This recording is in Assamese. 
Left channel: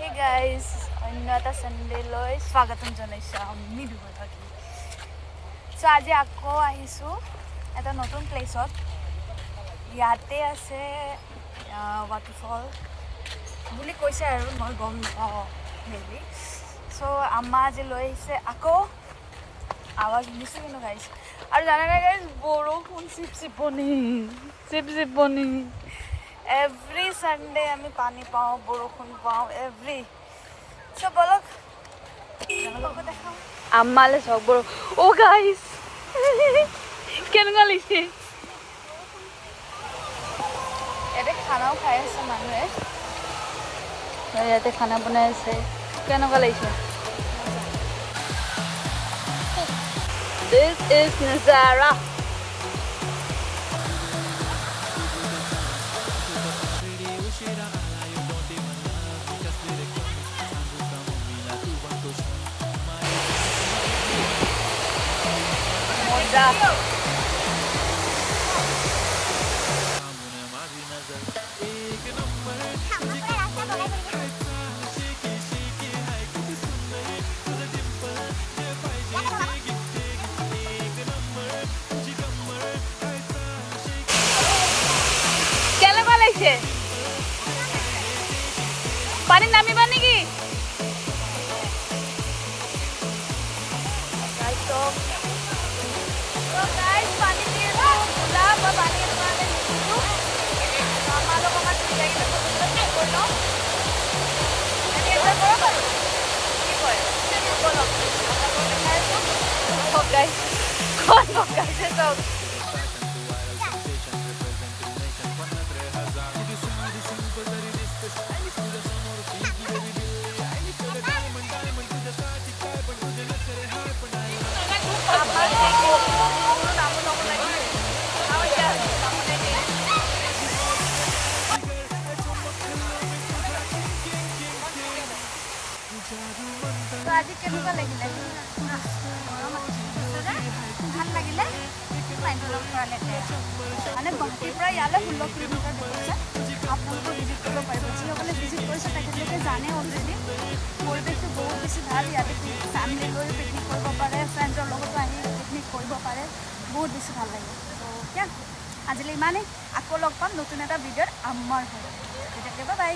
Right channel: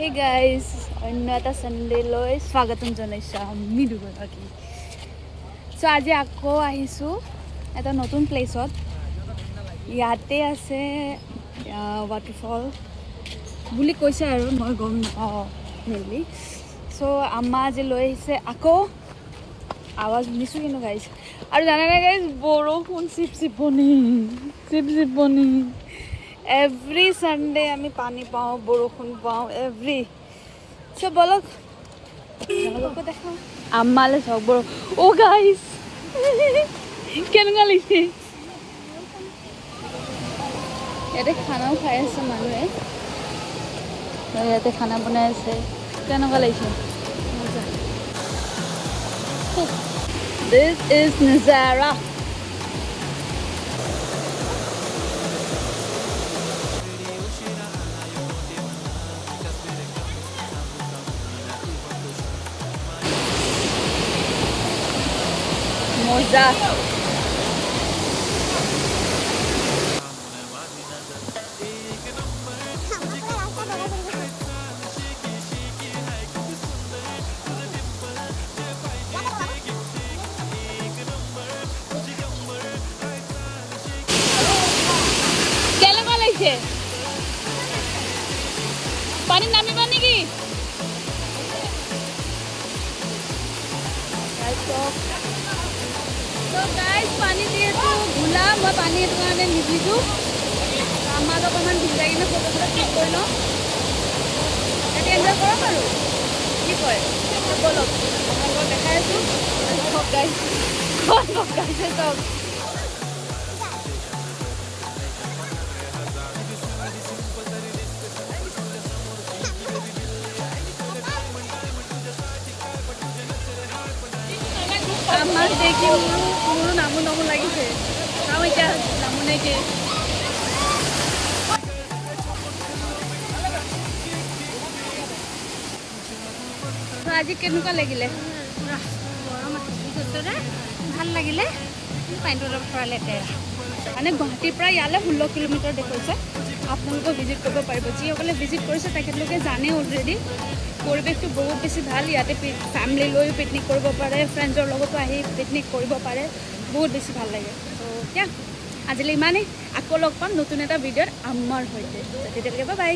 Hey guys, अन्यता संडे লৈ স্বাগতম জনাইছো আমি দুগৰাকী। সো আজি আকৌ আহিছো এটা নতুন প্লেসত। ইয়াতে আছে ওয়াটাৰফল বুলি কৈছে আৰু মই গম নাপাও মেনলি। সো আম্মা আজি লৈ আহিছে আকৌ আৱাজ শুনিছো কিনো গাইছ। আৰু জানা না গাইছ বৰষুণ চিপচিপনি Every Sunday আমি পানি পাও বৰষুণ পাও every so বলক জামালকো দেখাও আম্মালে সব ও গাইস কেন গলিছি ইয়াতে খানাও খাই আছে মানুহে ইয়াতে খানা বনাই আছে কেন গলিছি মজা This is Nazara Moza Pani nami bani ki So guys pani diye to bhula moi pani dukane nidisu amma to kaman bhilai kine photo click korilo ete enjoy kora paru ki koy to bolok aponalok dekhai asu guys Amma dekhi muru namu লাগিছে খাও এটা নামু নাই যে তো আজি কেনেকুৱা লাগিলে পুৰা গৰম আছে ভাল লাগিলে পাইনটো পৰা লেতেৰা মানে গুৱাহাটীৰ পৰা ইয়ালে 16 কিলোমিটাৰ দেখাইছে আপোনালোকে ভিজিট কৰিব পাৰিব যিসকলে ভিজিট কৰিছে তেখেতলোকে জানে অলৰেডি পৰিৱেশটো বহুত বেছি ভাল ইয়াতে ফ্যামিলি লৈ পিকনিক কৰিব পাৰে ফ্ৰেণ্ডৰ লগতো আহি পিকনিক কৰিব পাৰে বহুত বেছি ভাল লাগে তো क्या আজিলৈ ইমানেই আকৌ লগ পাম নতুন এটা ভিডিঅ'ত আমাৰ হৈতে তেতিয়ালৈকে বাই বাই